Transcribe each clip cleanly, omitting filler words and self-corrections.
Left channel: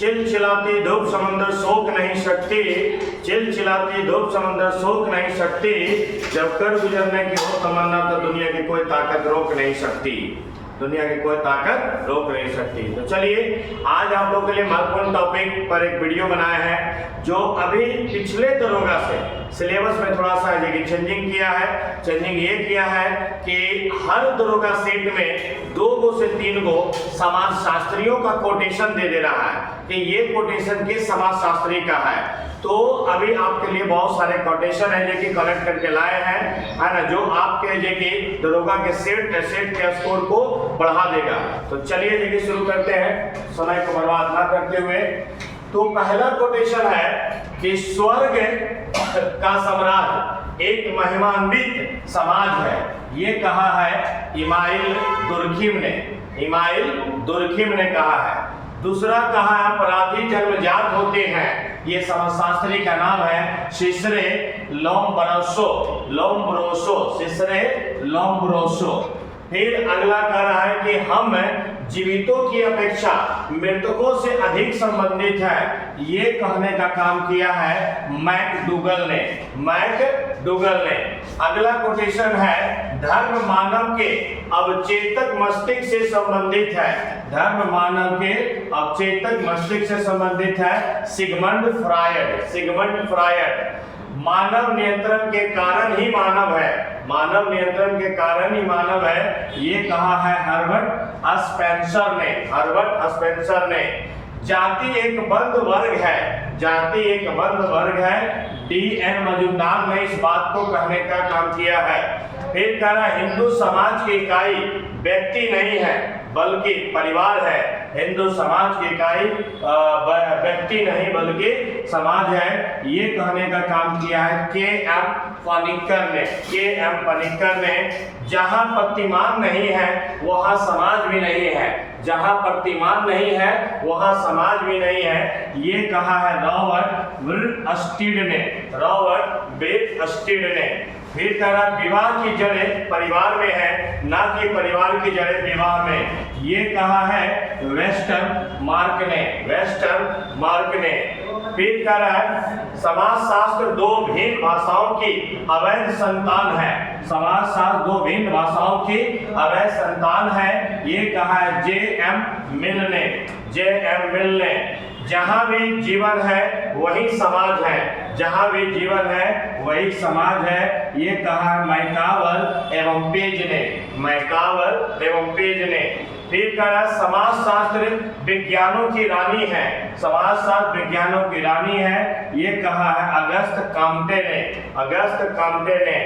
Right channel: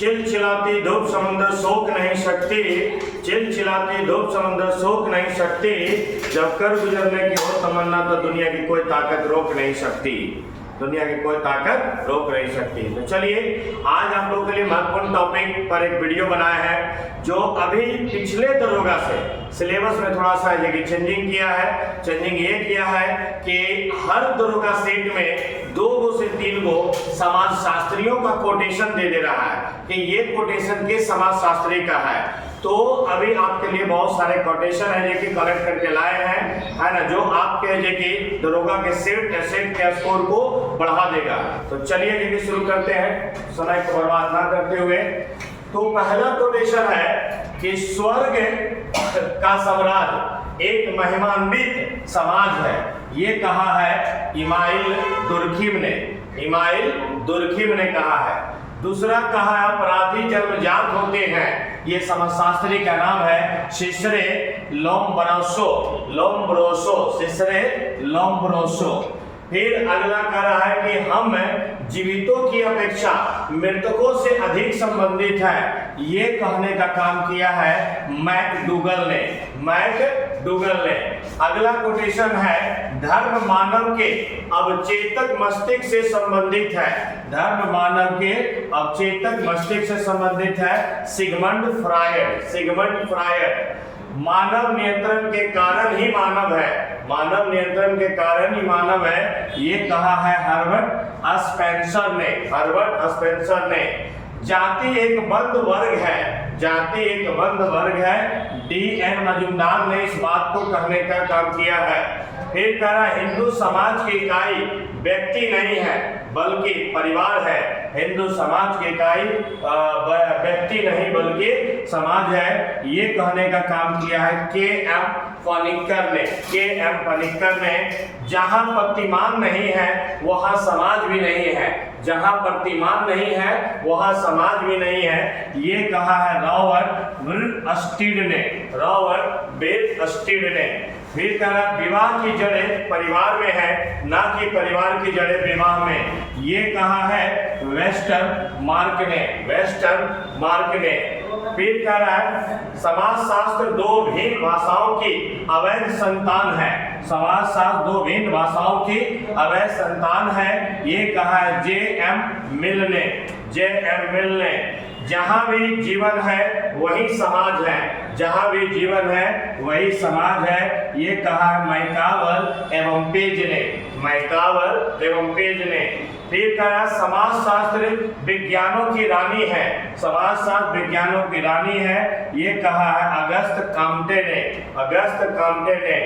चिलचिलाती धूप समंदर सोख नहीं सकती, चिलचिलाती धूप समंदर सोख नहीं सकती, जब कर गुजरने की हो तमन्ना तो दुनिया की कोई ताकत रोक नहीं सकती, दुनिया की कोई ताकत रोक नहीं सकती। तो चलिए आज आप लोग के लिए महत्वपूर्ण टॉपिक पर एक वीडियो बनाया है जो अभी पिछले दरोगा से सिलेबस में थोड़ा सा जगह चेंजिंग किया है। चेंजिंग ये किया है कि हर दरोगा सेट में 2 से 3 समाज शास्त्रियों का कोटेशन दे रहा है कि ये कोटेशन के समाज शास्त्री का है। तो अभी आपके लिए बहुत सारे कोटेशन है जो कि कलेक्ट करके लाए हैं, है ना, जो आपके जो कि दरोगा के सेट के स्कोर को बढ़ा देगा। तो चलिए जो कि शुरू करते हैं समय को बर्बाद ना करते हुए। तो पहला कोटेशन है कि स्वर्ग का सम्राट एक महिमान्वित समाज है, ये कहा है इमाइल दुर्खिम ने, इमाइल दुर्खिम ने कहा है। दूसरा कहा है अपराधी जन्मजात होते हैं, ये समाजशास्त्री का नाम है सिसरे लोम्ब्रोसो, लोम्ब्रोसो, सिसरे लोम्ब्रोसो। फिर अगला कह रहा है कि हम जीवितों की अपेक्षा मृतकों से अधिक संबंधित हैं, ये कहने का काम किया है मैकडूगल ने, मैकडूगल ने। अगला कोटेशन है धर्म मानव के अवचेतक मस्तिष्क से संबंधित है, धर्म मानव के अवचेतक मस्तिष्क से संबंधित है सिगमंड फ्रायड, सिगमंड फ्रायड। मानव नियंत्रण के कारण ही मानव है, मानव नियंत्रण के कारण ही मानव है, ये कहा है हर्बर्ट स्पेंसर ने, हर्बर्ट स्पेंसर ने। जाति एक बंद वर्ग है, जाति एक बंद वर्ग है, D.N. मजूमदार ने इस बात को कहने का काम किया है। फिर कह रहा है हिंदू समाज की इकाई व्यक्ति नहीं है बल्कि परिवार है, हिंदू समाज की इकाई व्यक्ति नहीं बल्कि समाज है, ये कहने का काम किया है K.M. पनिक्कर ने, K.M. पनिक्कर ने। जहां प्रतिमान नहीं है वहां समाज भी नहीं है, जहां प्रतिमान नहीं है वहां समाज भी नहीं है, ये कहा है रॉबर्ट विर्स्टीड ने, रॉबर्ट विर्स्टीड ने। फिर कह रहा विवाह की जड़ें परिवार में है ना कि परिवार की जड़ें विवाह में, ये कहा है वेस्टर मार्क ने, वेस्टर मार्क ने। फिर कह रहा है समाज शास्त्र 2 भिन्न भाषाओं की अवैध संतान है, समाज शास्त्र 2 भिन्न भाषाओं की अवैध संतान है, ये कहा है J.M. मिल ने, J.M. मिल ने। जहां भी जीवन है वही समाज है, जहां भी जीवन है वही समाज है, ये कहा है मैकावर एवं पेज ने, मैकावर एवं पेज ने। फिर कहा समाज शास्त्र विज्ञानों की रानी है, समाज शास्त्र विज्ञानों की रानी है, ये कहा है अगस्त काम्टे ने, अगस्त काम्टे ने।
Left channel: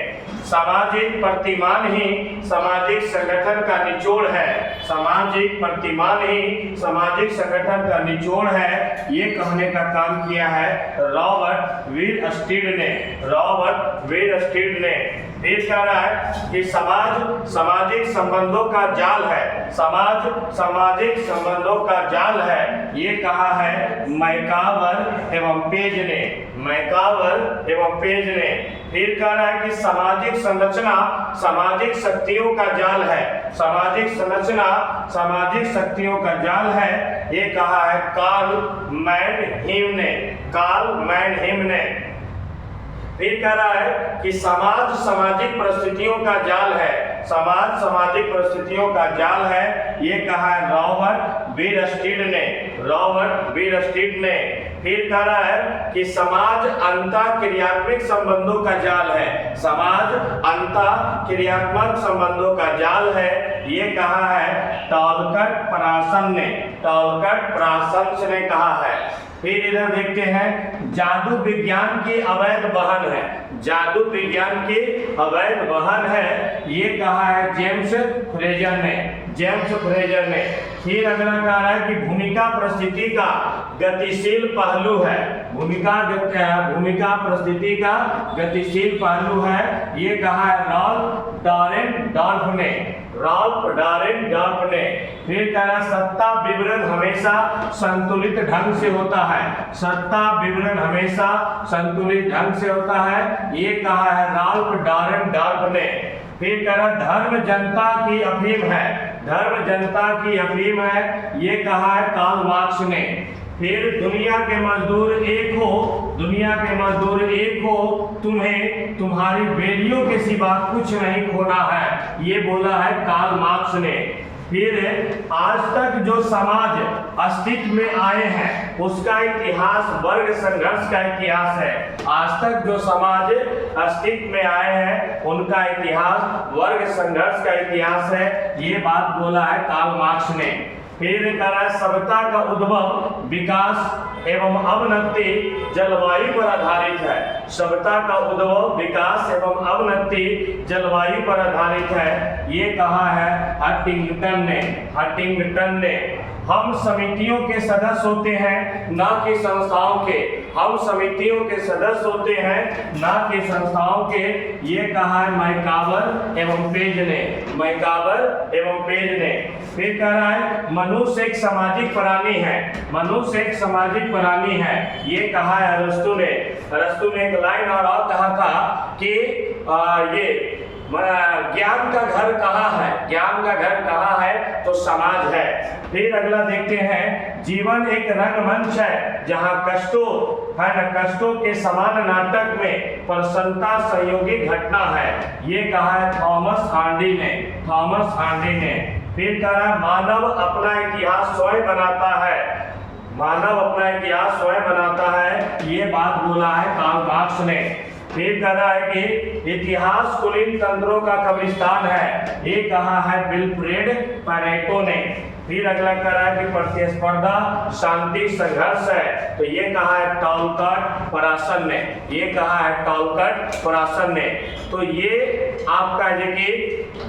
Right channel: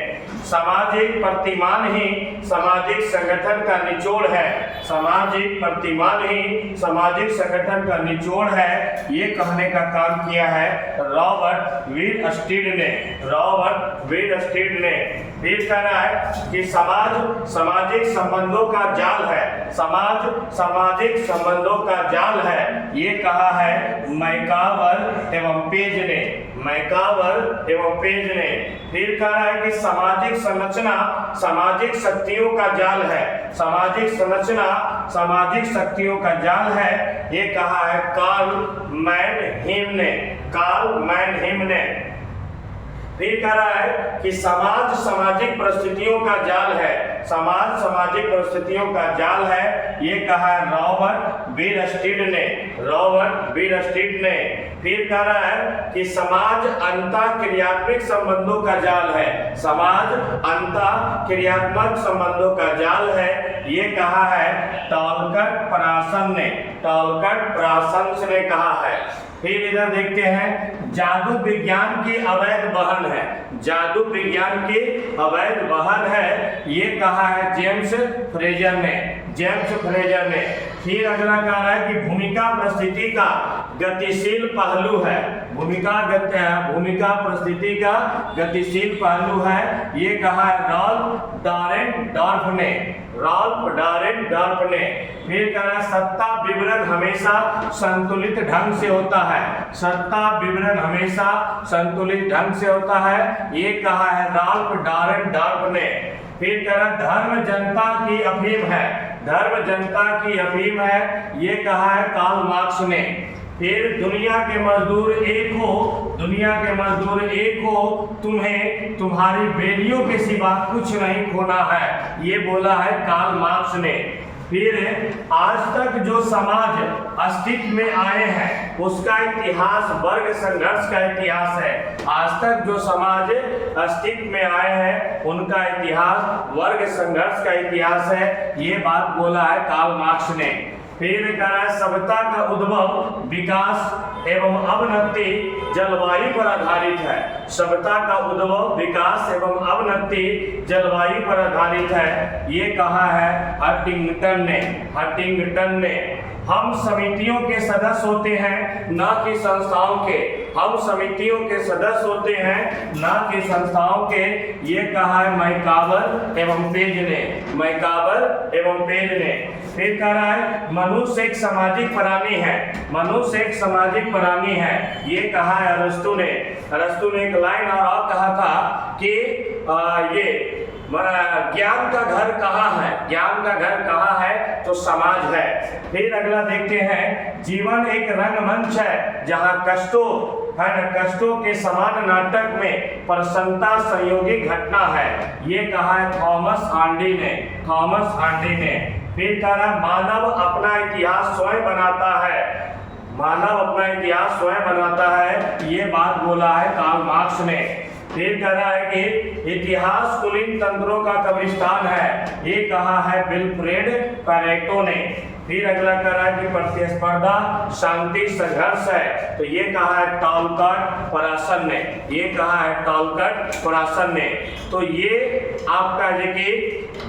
सामाजिक प्रतिमान ही सामाजिक संगठन का निचोड़ है, सामाजिक प्रतिमान ही सामाजिक संगठन का निचोड़ है, ये कहने का काम किया है रॉबर्ट विर्स्टीड ने, रॉबर्ट विर्स्टीड ने। फिर कह रहा है कि समाज सामाजिक संबंधों का जाल है, समाज सामाजिक संबंधों का जाल है, ये कहा है मैकावर एवं पेज ने, मैकावर एवं पेज ने। फिर कह रहा है कि सामाजिक संरचना सामाजिक शक्तियों का जाल है, सामाजिक संरचना सामाजिक शक्तियों का जाल है, ये कहा है कार्ल मैनहीम ने, कार्ल मैनहीम ने। फिर कह रहा है कि समाज सामाजिक परिस्थितियों का जाल है, समाज सामाजिक परिस्थितियों का जाल है, ये कहा है रॉबर्ट विर्स्टीड ने, रॉबर्ट विर्स्टीड ने। फिर कह रहा है कि समाज अंतःक्रियात्मक संबंधों का जाल है, समाज अंतःक्रियात्मक संबंधों का जाल है, ये कहा है टॉलकट प्रासन ने, टॉलकट प्रासन ने कहा है। फिर इधर देखते हैं जादू विज्ञान की अवैध वहन है, जादू विज्ञान की अवैध वहन है, ये कहा है जेम्स फ्रेजर ने, जेम्स फ्रेजर ने। फिर अगला कह रहा है कि भूमिका परिस्थिति का गतिशील पहलू है, भूमिका परिस्थिति का गतिशील पहलू है, ये कहा है रॉल्फ डारेंडॉर्फ ने, रॉल्फ डारेंडॉर्फ ने। फिर कह रहा है सत्ता विवरण हमेशा संतुलित ढंग से होता है, सत्ता विवरण हमेशा संतुलित ढंग से होता है, ये कहा है रॉल्फ डारेंडॉर्फ ने। फिर कह रहा है धर्म जनता की अफीम है, धर्म जनता की अफीम है, ये कहा है कार्ल मार्क्स ने, फिर दुनिया के मजदूर एक हो, दुनिया के मजदूर एक हो, तुम्हें तुम्हारी बेलियों के सिवा कुछ नहीं खोना है, ये बोला है कार्ल मार्क्स ने। फिर आज तक जो समाज अस्तित्व में आए हैं उसका इतिहास वर्ग संघर्ष का इतिहास है। आज तक जो समाज अस्तित्व में आए हैं उनका इतिहास वर्ग संघर्ष का इतिहास है, ये बात बोला है कार्ल मार्क्स ने। फिर कह रहा है सभ्यता का उद्भव, विकास एवं अवनति जलवायु पर आधारित है। सभ्यता का उद्भव, विकास एवं अवनति जलवायु पर आधारित है, ये कहा है हंटिंगटन ने। हम समितियों के सदस्य होते हैं ना कि संस्थाओं के, हम समितियों के सदस्य होते हैं ना कि संस्थाओं के, ये कहा है मैकावर एवं पेज ने, मैकावर एवं पेज ने। फिर कह रहा है मनुष्य एक सामाजिक प्राणी है, मनुष्य एक सामाजिक प्राणी है, ये कहा है अरस्तु ने। अरस्तु ने एक लाइन और कहा था कि ये ज्ञान का घर कहाँ है, ज्ञान का घर कहाँ है, तो समाज है। फिर अगला देखते हैं जीवन एक रंगमंच है जहाँ कष्टों है न, कष्टों के समान नाटक में प्रसन्नता संयोगी घटना है, ये कहा है थॉमस हार्डी ने, थॉमस हार्डी ने। फिर कहा मानव अपना इतिहास स्वयं बनाता है, मानव अपना इतिहास स्वयं बनाता है, ये बात बोला है कार्ल मार्क्स ने। फिर कह रहा है कि इतिहास कुलीन तंत्रों का कब्रिस्तान है, ये कहा है विल्फ्रेड पैरेटो ने। फिर अगला कह रहा है कि प्रतिस्पर्धा शांति संघर्ष है, तो ये कहा है टॉलकट परासन ने, ये कहा है टॉलकट परासन ने। तो ये आपका जो कि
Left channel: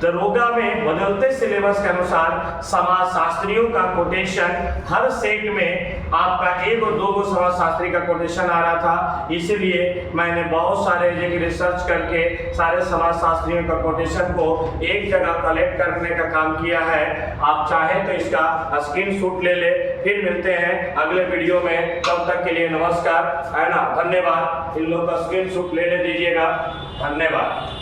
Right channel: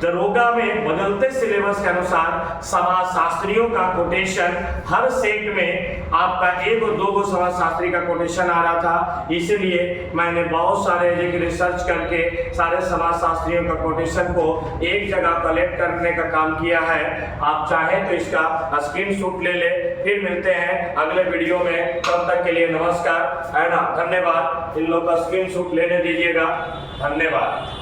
दरोगा में बदलते सिलेबस के अनुसार समाजशास्त्रियों का कोटेशन हर सेट में आपका एक और दो समाजशास्त्री का कोटेशन आ रहा था, इसलिए मैंने बहुत सारे रिसर्च करके सारे समाजशास्त्रियों का कोटेशन को एक जगह कलेक्ट करने का काम किया है। आप चाहें तो इसका स्क्रीनशॉट ले ले। फिर मिलते हैं अगले वीडियो में, तब तक के लिए नमस्कार, है ना, धन्यवाद। इन लोग का स्क्रीनशॉट लेने दीजिएगा, धन्यवाद।